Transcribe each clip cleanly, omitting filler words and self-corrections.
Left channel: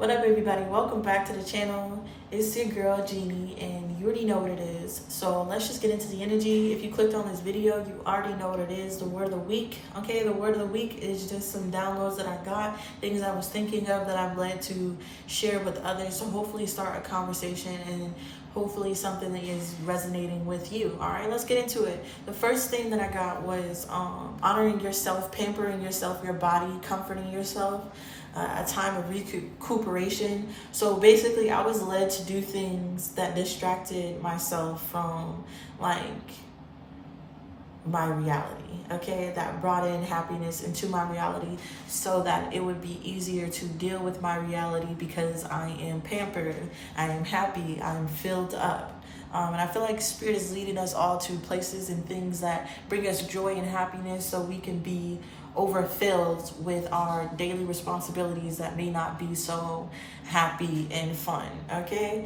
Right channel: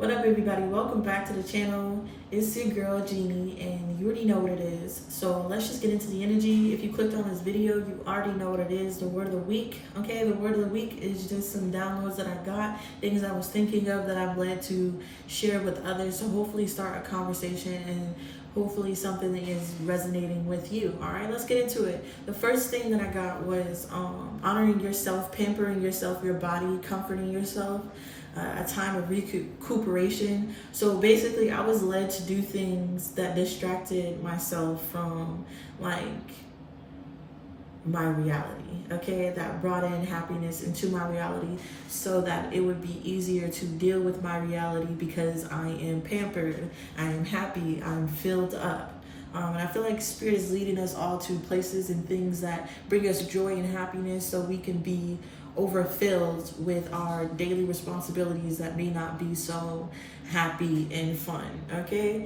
What up, everybody? Welcome back to the channel. It's your girl Jeannie, and you already know what it is. So let's just get into the energy. If you clicked on this video, you already know what it is. The word of the week. Okay, the word of the week is just some downloads that I got, things I was thinking of that I'm led to share with others. So hopefully start a conversation and hopefully something that is resonating with you. All right, let's get into it. The first thing that I got was honoring yourself, pampering yourself, your body, comforting yourself. A time of recuperation. So basically I was led to do things that distracted myself from like my reality, okay, that brought in happiness into my reality so that it would be easier to deal with my reality because I am pampered, I am happy, I'm filled up. And I feel like Spirit is leading us all to places and things that bring us joy and happiness so we can be overfilled with our daily responsibilities that may not be so happy and fun, okay?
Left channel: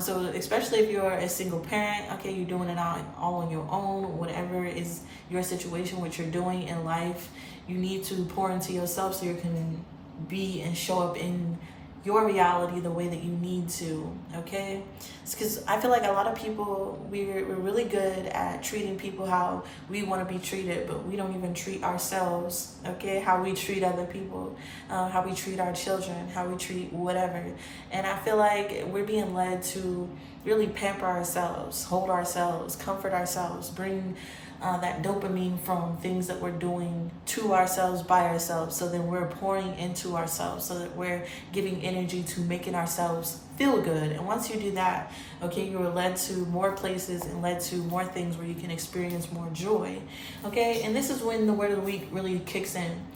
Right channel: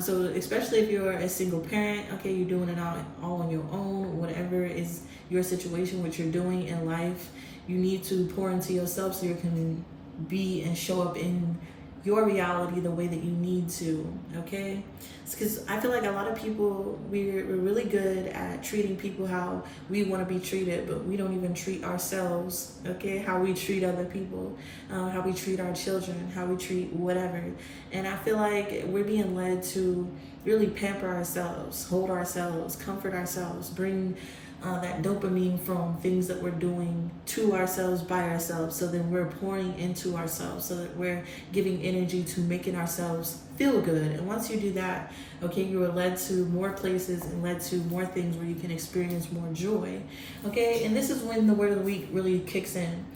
So especially if you're a single parent, okay, you're doing it all on your own, whatever is your situation, what you're doing in life, you need to pour into yourself so you can be and show up in your reality the way that you need to, okay? It's because I feel like a lot of people, we're really good at treating people how we want to be treated, but we don't even treat ourselves, okay? How we treat other people, how we treat our children, how we treat whatever. And I feel like we're being led to really pamper ourselves, hold ourselves, comfort ourselves, bring that dopamine from things that we're doing to ourselves, by ourselves, so then we're pouring into ourselves, so that we're giving energy to making ourselves feel good. And once you do that, okay, you are led to more places and led to more things where you can experience more joy, okay? And this is when the word of the week really kicks in,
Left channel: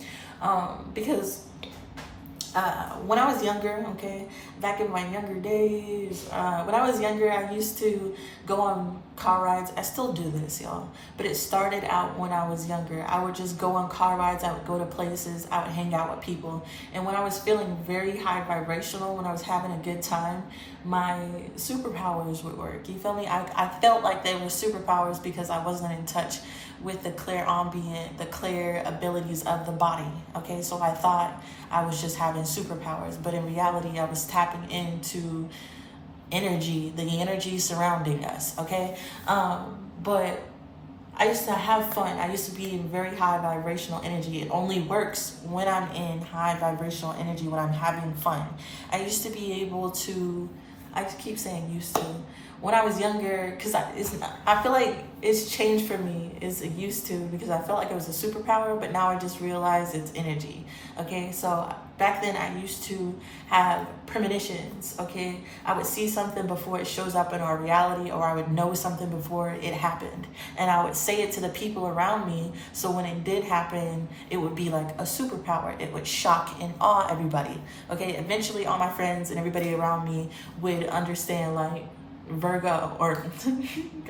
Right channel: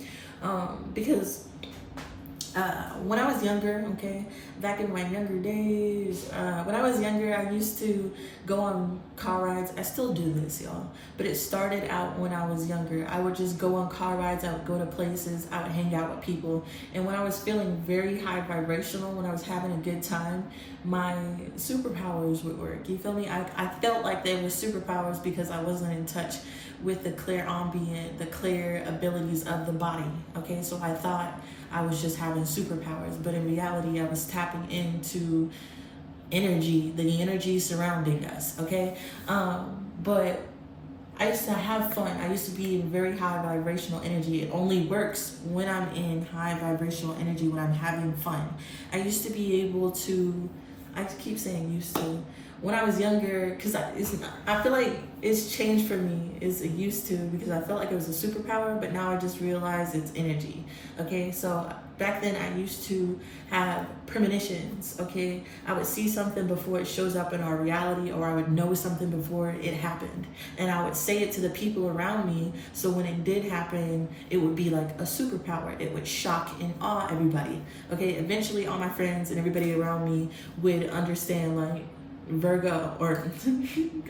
because when I was younger, okay, back in my younger days, when I was younger, I used to go on car rides. I still do this, y'all, but it started out when I was younger. I would just go on car rides. I would go to places. I would hang out with people. And when I was feeling very high vibrational, when I was having a good time, my superpowers would work. You feel me? I felt like they were superpowers because I wasn't in touch with the clear ambient, the clear abilities of the body, okay? So I thought I was just having superpowers, but in reality, I was tapping into energy, the energy surrounding us, okay? But I used to have fun. I used to be in very high vibrational energy. It only works when I'm in high vibrational energy, when I'm having fun. I used to be able to, I keep saying used to, when I was younger, because I feel like it's changed for me, it's a used to, because I felt like it was a superpower, but now I just realized it's energy, okay? So back then I used to have premonitions, okay? I would see something before it shows up in our reality, or I would know something before it happened. And I would say it to the people around me, so when it did happen, it would be like a superpower. It would shock and awe everybody, okay? Eventually all my friends and everybody around me would understand, like, Virgo, or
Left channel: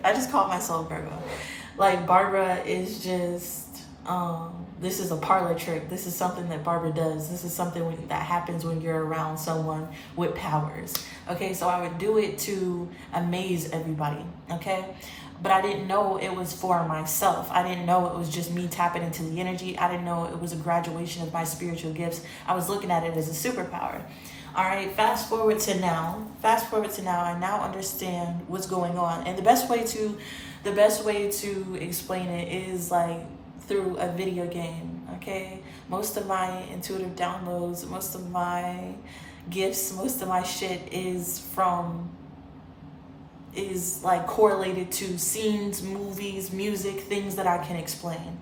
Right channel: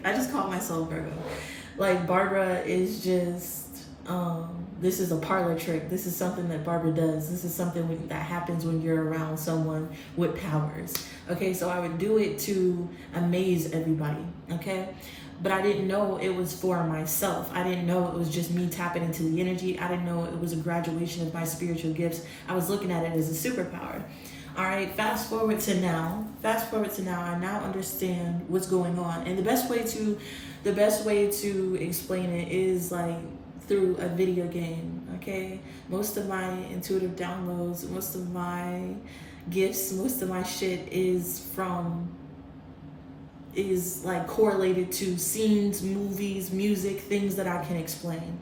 I just call myself Virgo. Like, Barbara is just, this is a parlor trick. This is something that Barbara does. This is something that happens when you're around someone with powers. Okay, so I would do it to amaze everybody, okay? But I didn't know it was for myself. I didn't know it was just me tapping into the energy. I didn't know it was a graduation of my spiritual gifts. I was looking at it as a superpower. All right, fast forward to now, I now understand what's going on. And the best way to explain it is like through a video game, okay? Most of my intuitive downloads, most of my gifts, most of my shit is like correlated to scenes, movies, music, things that I can explain,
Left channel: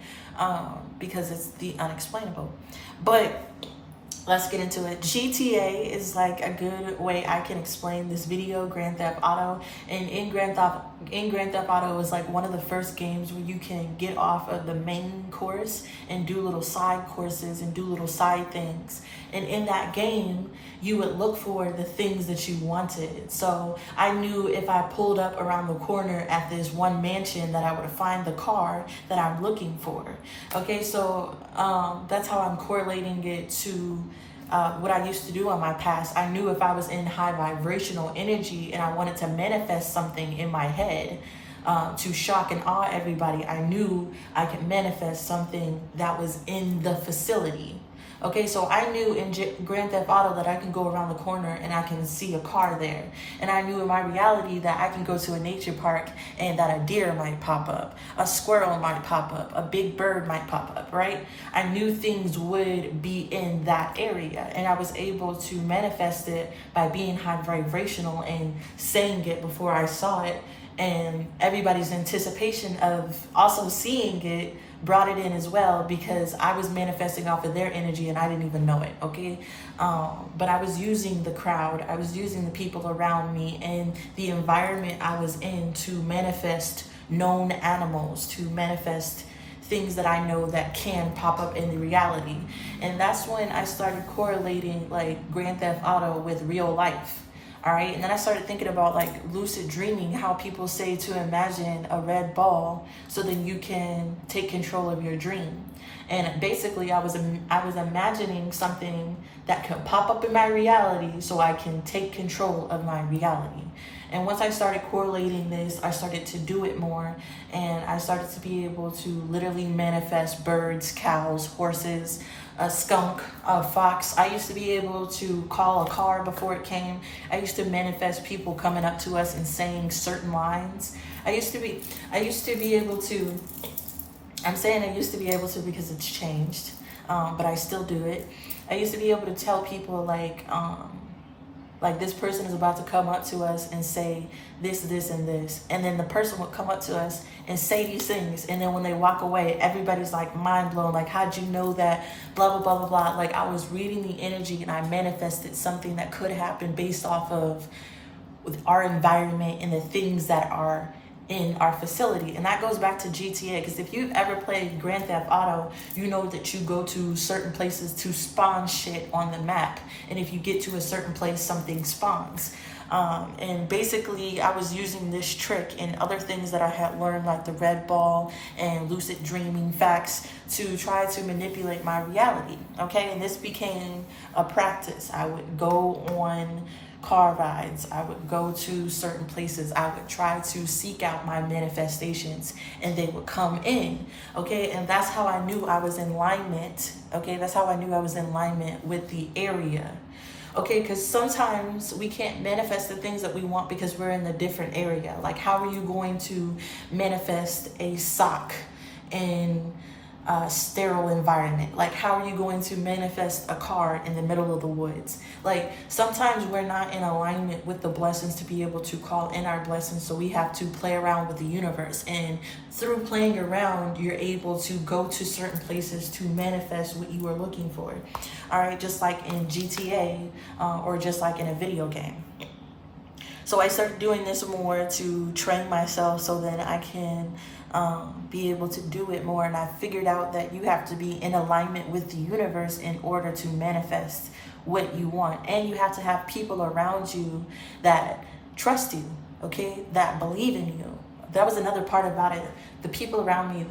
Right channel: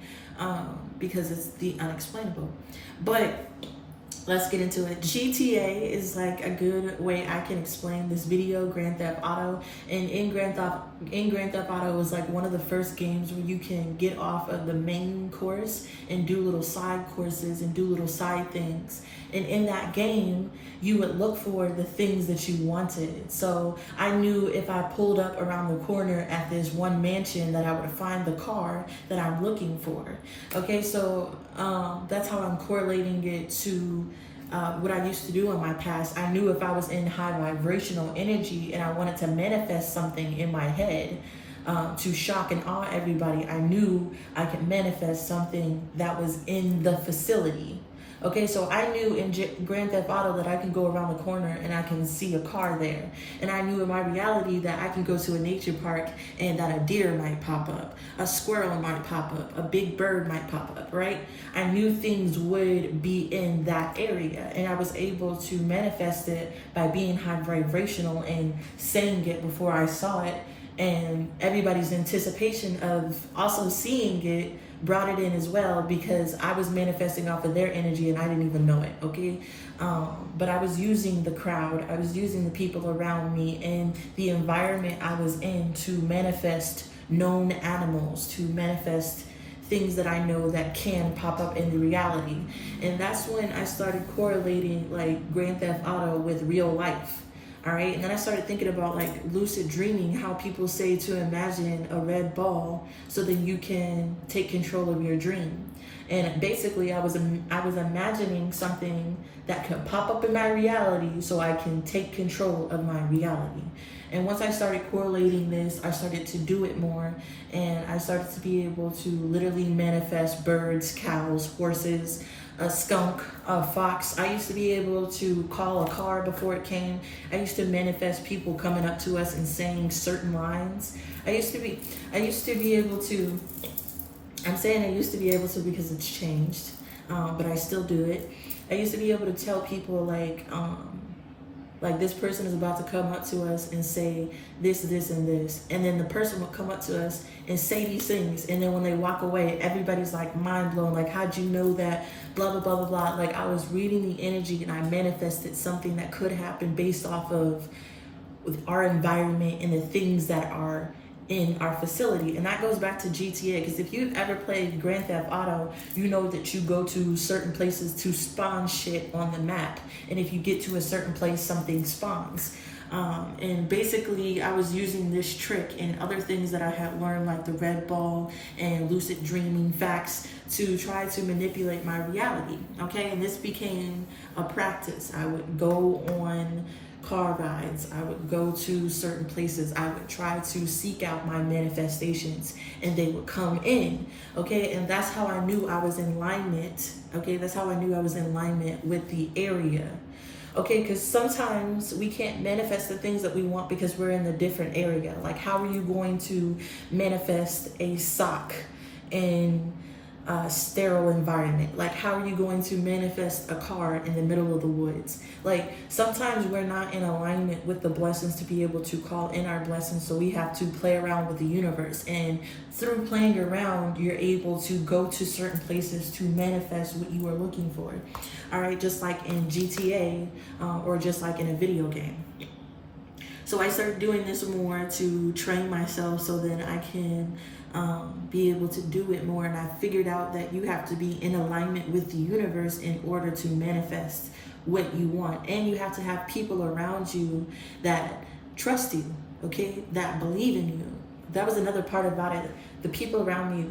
because it's the unexplainable. But let's get into it. GTA is like a good way I can explain this video, Grand Theft Auto. And in Grand Theft Auto is like one of the first games where you can get off of the main course and do little side courses and do little side things. And in that game, you would look for the things that you wanted. So I knew if I pulled up around the corner at this one mansion that I would find the car that I'm looking for. Okay, so that's how I'm correlating it to what I used to do in my past. I knew if I was in high vibrational energy and I wanted to manifest something in my head to shock and awe everybody, I knew I could manifest something that was in the facility. Okay, so I knew in Grand Theft Auto that I can go around the corner and I can see a car there. And I knew in my reality that I can go to a nature park and that a deer might pop up, a squirrel might pop up, a big bird might pop up, right? I knew things would be in that area, and I was able to manifest it by being high vibrational and saying it before I saw it. And everybody's anticipation of also seeing it brought it in as well, because I was manifesting off of their energy and I didn't even know it, okay? But I was using the crowd, I was using the people around me and the environment I was in to manifest known animals, to manifest things that I know that can pop up in the reality. And that's when I started correlating like Grand Theft Auto with real life. All right, and then I started thinking about like lucid dreaming, how people say to imagine a red ball so then you can take control of your dream. And basically I was imagining something that could pop up in my reality so I can take control of my reality. And once I started correlating this, I started to do it more, and I started to be able to literally manifest birds, cows, horses, a skunk, a fox. I used to be able to call a car before it came. I used to manifest people coming up to us and saying certain lines. I used to be able to, I'm saying I used to be able to because it's changed, but I still do it. I used to be able to tell people like this person is about to come up to us and say this, this, and this. And then the person would come up to us and say these things. And then when they walk away, everybody's like mind blown. Like, how'd you know that? Blah, blah, blah, blah, blah. Like, I was reading the energy and I manifested something that could happen based off of our environment and the things that are in our facility. And that goes back to GTA, because if you've ever played Grand Theft Auto, you know that you go to certain places to spawn shit on the map, and if you get to a certain place, something spawns. And basically I was using this trick and other things that I had learned, like the red ball and lucid dreaming facts, to try to manipulate my reality. Okay, and this became a practice. I would go on car rides, I would go to certain places, I would try to seek out my manifestations and they would come in. Okay, and that's how I knew I was in alignment. Okay, that's how I knew I was in alignment with the area. Okay, because sometimes we can't manifest the things that we want because we're in a different area. Like, how are you going to manifest a sock in a sterile environment? Like, how are you going to manifest a car in the middle of the woods? Like, sometimes we're not in alignment with the blessings to be able to call in our blessings, so we have to play around with the universe. And through playing around, you're able to go to certain places to manifest what you are looking for. All right, just like in GTA or just like in a video game. So I started doing this more to train myself so that I can be able to do it more. And I figured out that you have to be in alignment with the universe in order to manifest what you want. And you have to have people around you that trust you, okay, that believe in you. That was another part about it. The people around me,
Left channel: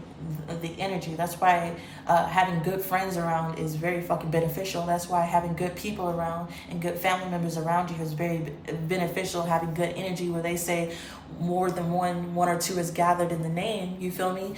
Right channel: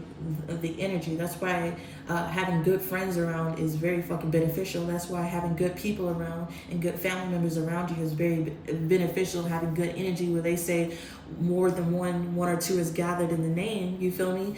the energy. That's why having good friends around is very fucking beneficial. That's why having good people around and good family members around you is very beneficial. Having good energy, where they say more than one or two is gathered in the name. You feel me?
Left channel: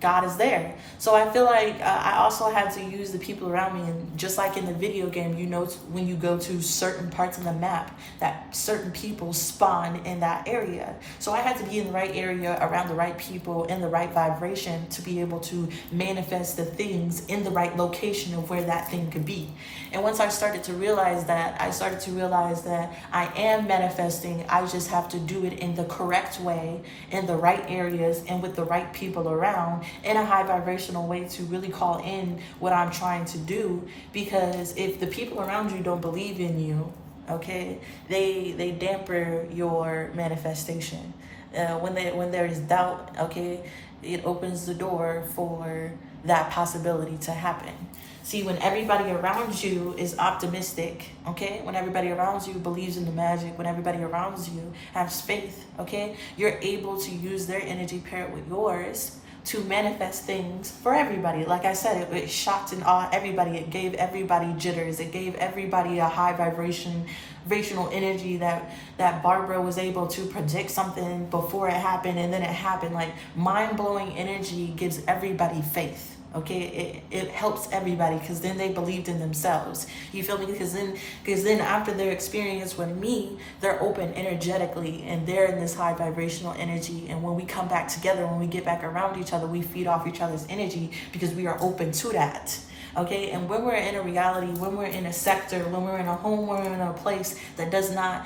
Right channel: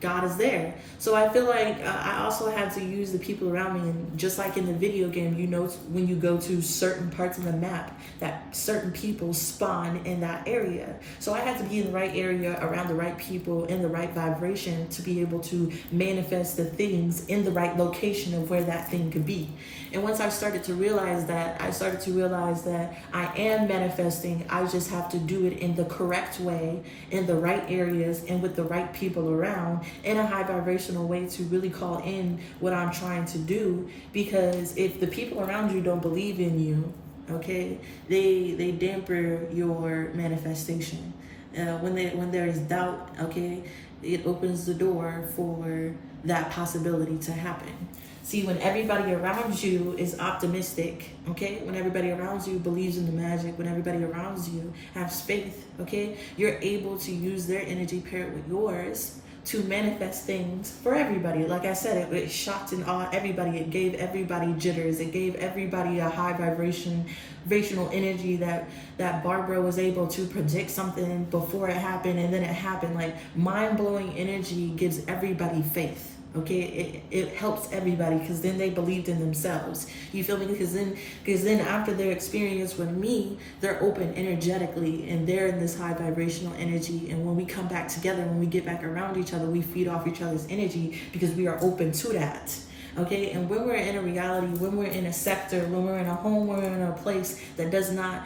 God is there. So I feel like I also had to use the people around me. And just like in the video game, you know, when you go to certain parts of the map, that certain people spawn in that area. So I had to be in the right area, around the right people, in the right vibration to be able to manifest the things in the right location of where that thing could be. And once I started to realize that, I am manifesting. I just have to do it in the correct way, in the right areas, and with the right people around, in a high vibrational way to really call in what I'm trying to do. Because if the people around you don't believe in you, okay, they damper your manifestation. When there is doubt, okay, it opens the door for that possibility to happen. See, when everybody around you is optimistic, okay, when everybody around you believes in the magic, when everybody around you has faith, okay, you're able to use their energy paired with yours to manifest things for everybody. Like I said, it shocked and awed everybody. It gave everybody jitters. It gave everybody a high vibrational energy that Barbara was able to predict something before it happened, and then it happened. Like, mind-blowing energy gives everybody faith. Okay, it helps everybody, because then they believed in themselves. You feel me? Because then after their experience with me, they're open energetically, and they're in this high vibrational energy. And when we come back together, when we get back around each other, we feed off each other's energy because we are open to that. Okay, and when we're in a reality, when we're in a sector, when we're in a home, we're in a place that does not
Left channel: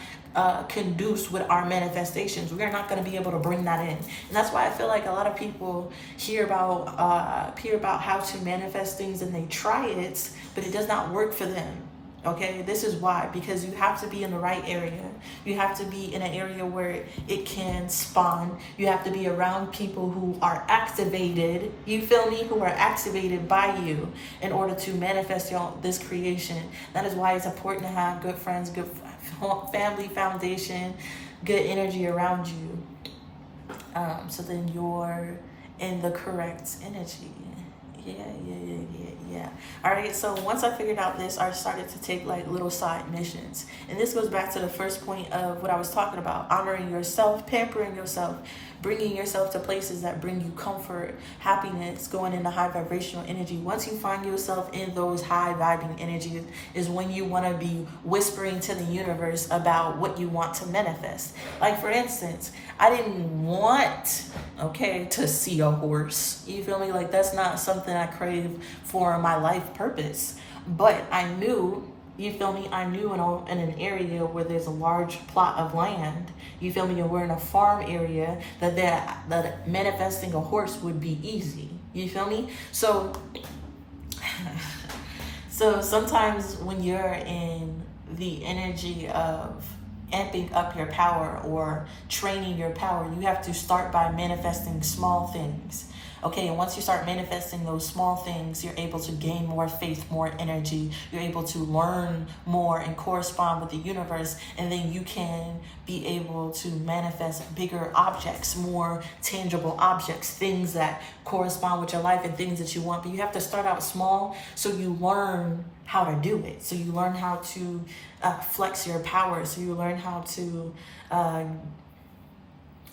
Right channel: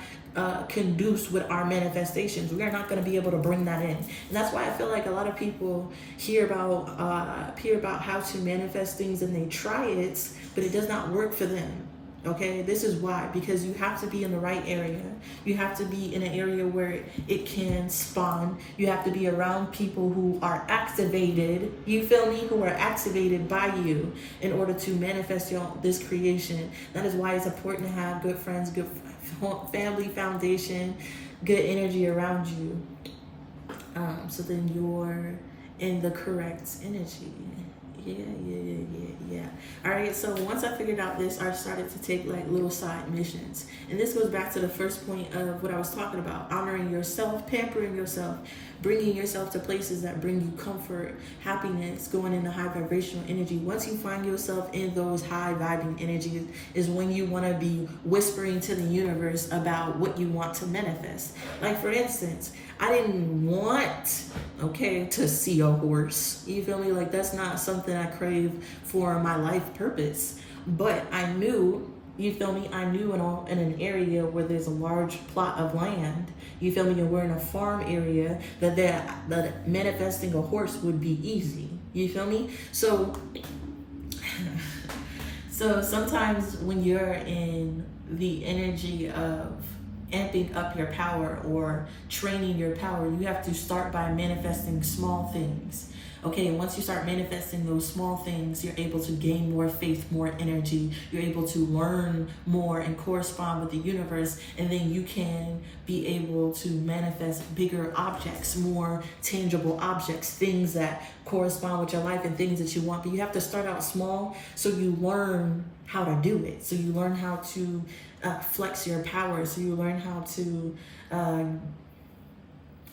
conduce with our manifestations, we are not going to be able to bring that in. And that's why I feel like a lot of people hear about how to manifest things, and they try it, but it does not work for them. Okay, this is why, because you have to be in the right area. You have to be in an area where it can spawn. You have to be around people who are activated, you feel me, who are activated by you in order to manifest this creation. That is why it's important to have good friends, good family foundation, good energy around you. So then you're in the correct energy. Yeah. All right, so once I figured out this, I started to take like little side missions. And this goes back to the first point of what I was talking about: honoring yourself, pampering yourself, bringing yourself to places that bring you comfort, happiness, going into high vibrational energy. Once you find yourself in those high vibing energies is when you want to be whispering to the universe about what you want to manifest. Like, for instance, I didn't want, to see a horse. You feel me? Like, that's not something I crave for my life purpose. But I knew, you feel me? I knew in an area where there's a large plot of land, you feel me? And we're in a farm area that manifesting a horse would be easy. You feel me? So sometimes when you're in the energy of amping up your power or training your power, you have to start by manifesting small things. Okay, and once you start manifesting those small things, you're able to gain more faith, more energy. You're able to learn more and correspond with the universe. And then you can be able to manifest bigger objects, more tangible objects, things that correspond with your life and things that you want. But you have to start out small so you learn how to do it. So you learn how to flex your power. So you learn how to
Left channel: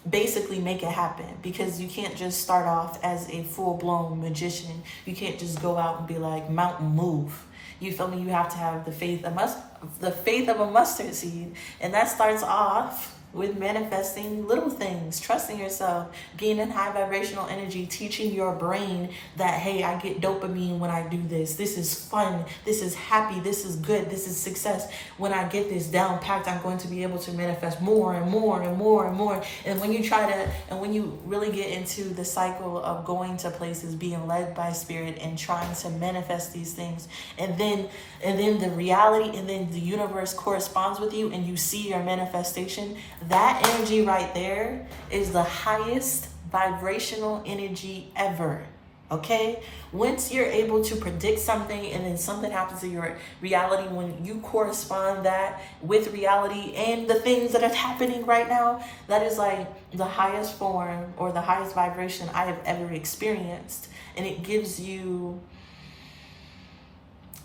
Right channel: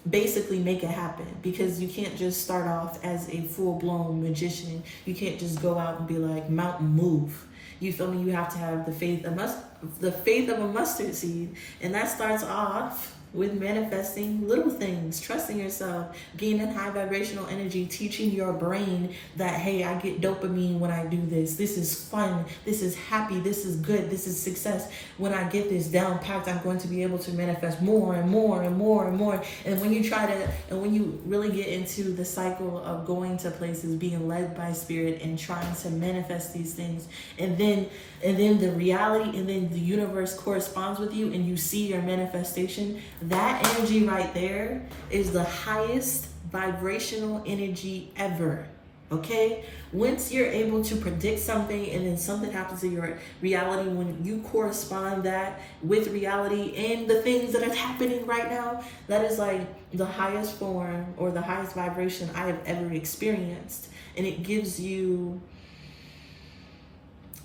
basically make it happen, because you can't just start off as a full-blown magician. You can't just go out and be like, mountain move. You feel me? You have to have the faith of a mustard seed, and that starts off with manifesting little things, trusting yourself, gaining high vibrational energy, teaching your brain that, hey, I get dopamine when I do this. This is fun. This is happy. This is good. This is success. When I get this down packed, I'm going to be able to manifest more and more and more and more. And when you really get into the cycle of going to places, being led by spirit and trying to manifest these things, and then the reality and then the universe corresponds with you and you see your manifestation, that energy right there is the highest vibrational energy ever. Okay? Once you're able to predict something and then something happens to your reality, when you correspond that with reality and the things that are happening right now, that is like the highest form or the highest vibration I have ever experienced. And it gives you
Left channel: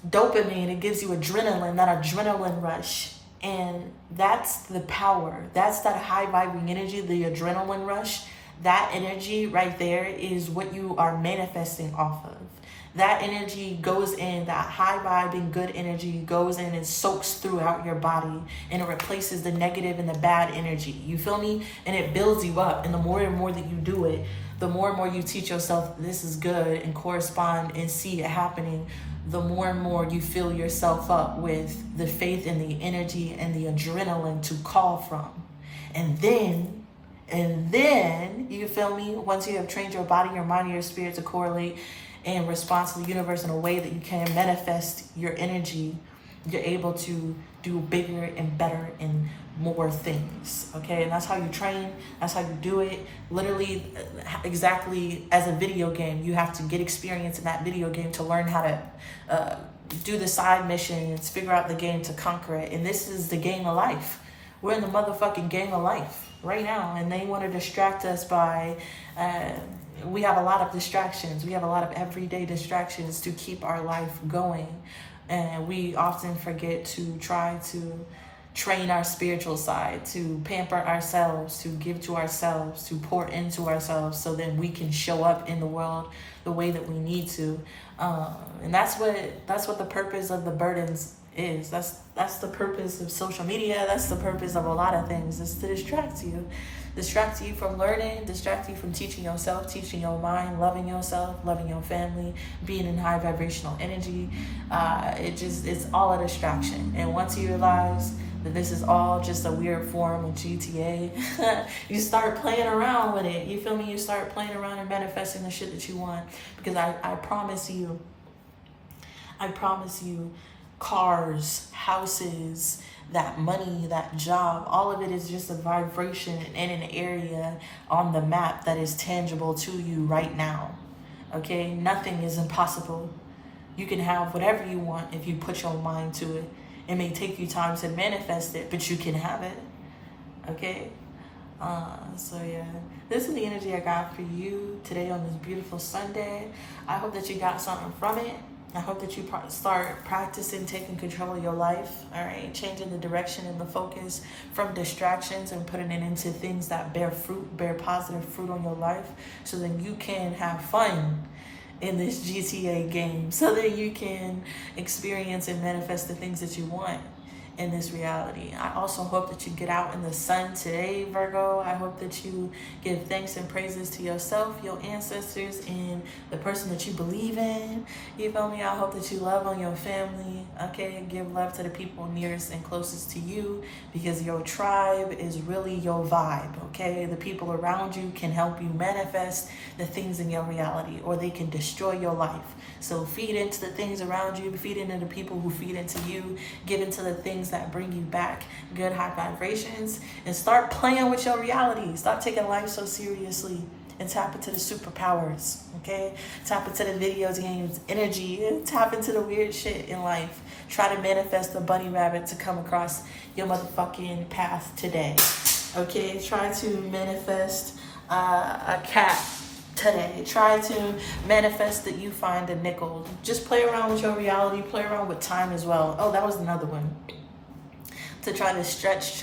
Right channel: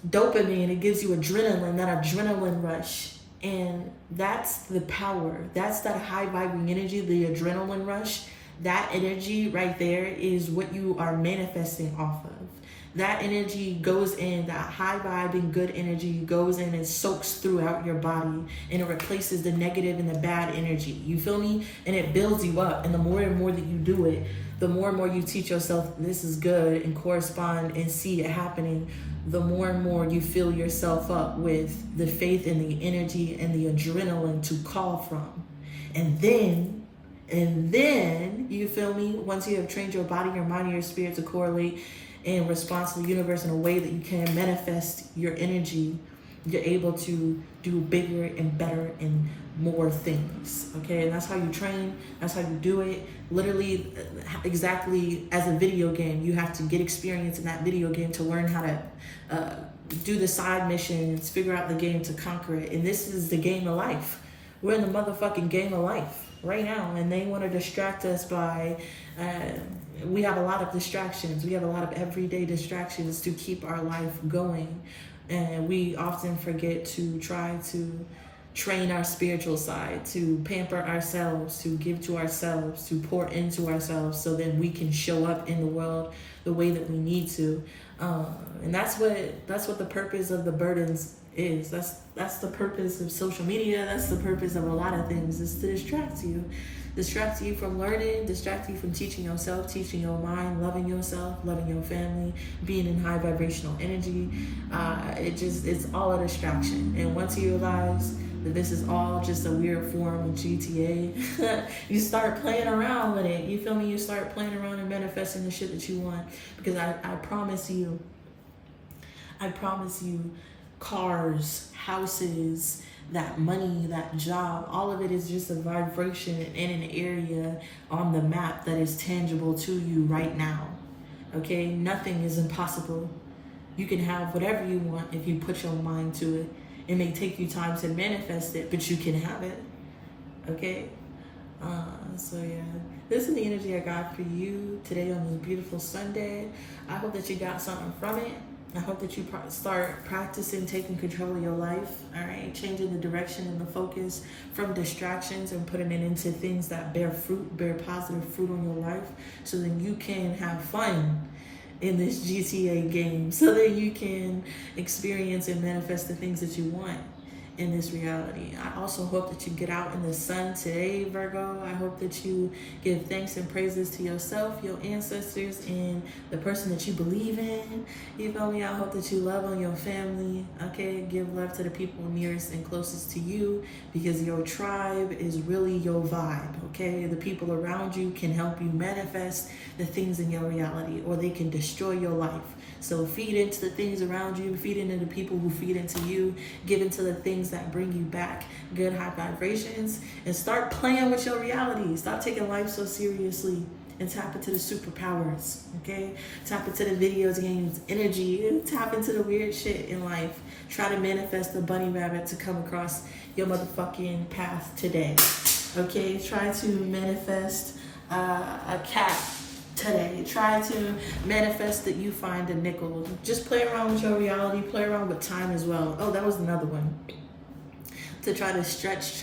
dopamine, it gives you adrenaline, that adrenaline rush. And that's the power. That's that high vibing energy, the adrenaline rush. That energy right there is what you are manifesting off of. That energy goes in, that high vibing good energy goes in and soaks throughout your body, and it replaces the negative and the bad energy. You feel me? And it builds you up. And the more and more that you do it, the more and more you teach yourself this is good and correspond and see it happening, the more and more you fill yourself up with the faith and the energy and the adrenaline to call from. And then, you feel me? Once you have trained your body, your mind, and your spirit to correlate and respond to the universe in a way that you can manifest your energy, you're able to do bigger and better and more things. Okay, and that's how you train. That's how you do it. Literally, exactly as a video game, you have to get experience in that video game to learn how to do the side missions, figure out the game to conquer it. And this is the game of life. We're in the motherfucking game of life right now, and they want to distract us by we have a lot of distractions. We have a lot of everyday distractions to keep our life going, and we often forget to try to train our spiritual side, to pamper ourselves, to give to ourselves, to pour into ourselves, so that we can show up in the world the way that we need to. And that's what the purpose of the burdens is. That's the purpose of social media. That's the purpose of a lot of things, is to distract you from learning, distract you from teaching yourself, teaching your mind, loving yourself, loving your family, being in high vibrational energy. It's all a distraction. And once you realize that this is all just a weird form of GTA, you start playing around with it. You feel me? You start playing around and manifesting the shit that you want. Because I promise you, cars, houses, that money, that job, all of it is just a vibration in an area on the map that is tangible to you right now. Okay? Nothing is impossible. You can have whatever you want if you put your mind to it. It may take you time to manifest it, but you can have it. Okay? So yeah, this is the energy I got for you today on this beautiful Sunday. I hope that you got something from it. I hope that you start practicing taking control of your life, all right? Changing the direction and the focus from distractions and putting it into things that bear fruit, bear positive fruit on your life, so then you can have fun in this GTA game, so that you can experience and manifest the things that you want in this reality. I also hope that you get out in the sun today, Virgo. I hope that you give thanks and praises to yourself, your ancestors, and the person that you believe in. You feel me? I hope that you love on your family, okay? Give love to the people nearest and closest to you, because your tribe is really your vibe, okay? The people around you can help you manifest the things in your reality, or they can destroy your life. So feed into the things around you, feed into the people who feed into you, give into the things that bring you back good high vibrations, and start playing with your reality. Stop taking life so seriously and tap into the superpowers, okay? Tap into the video games energy, tap into the weird shit in life. Try to manifest the bunny rabbit to come across your motherfucking path today, okay? Try to manifest a cat today. Try to manifest that you find a nickel. Just play around with your reality, play around with time as well. Oh, that was another one. To try to stretch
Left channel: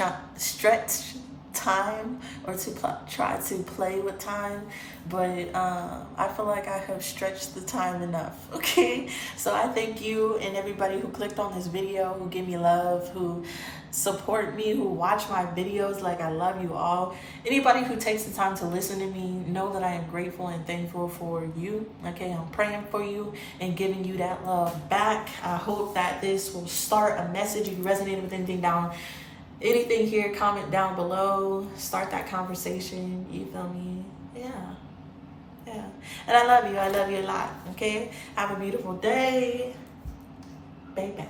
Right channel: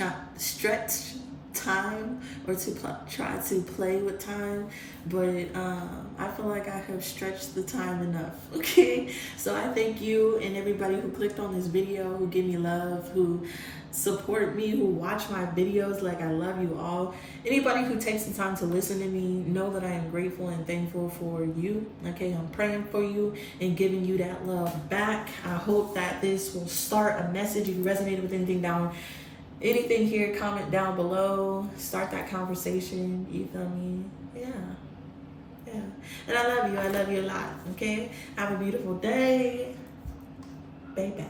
time, or to try to play with time, but I feel like I have stretched the time enough, okay? So I thank you and everybody who clicked on this video, who give me love, who support me, who watch my videos. Like, I love you all. Anybody who takes the time to listen to me, know that I am grateful and thankful for you, okay? I'm praying for you and giving you that love back. I hope that this will start a message. If you resonated with anything here, comment down below. Start that conversation. You feel me? Yeah. And I love you a lot, okay? Have a beautiful day. Baby.